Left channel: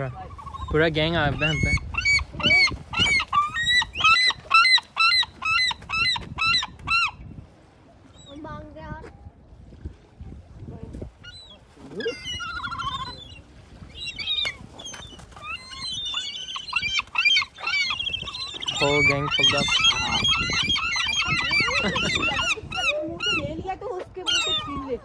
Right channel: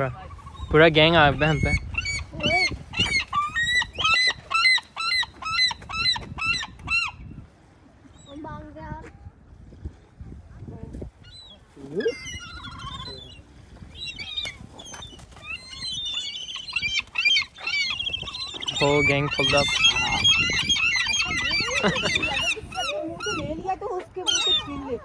Bruh. पूरा गैंग आ गया हम पे. Whole gang pulled up. ले लिया तो उसके मुंह से छीन ले.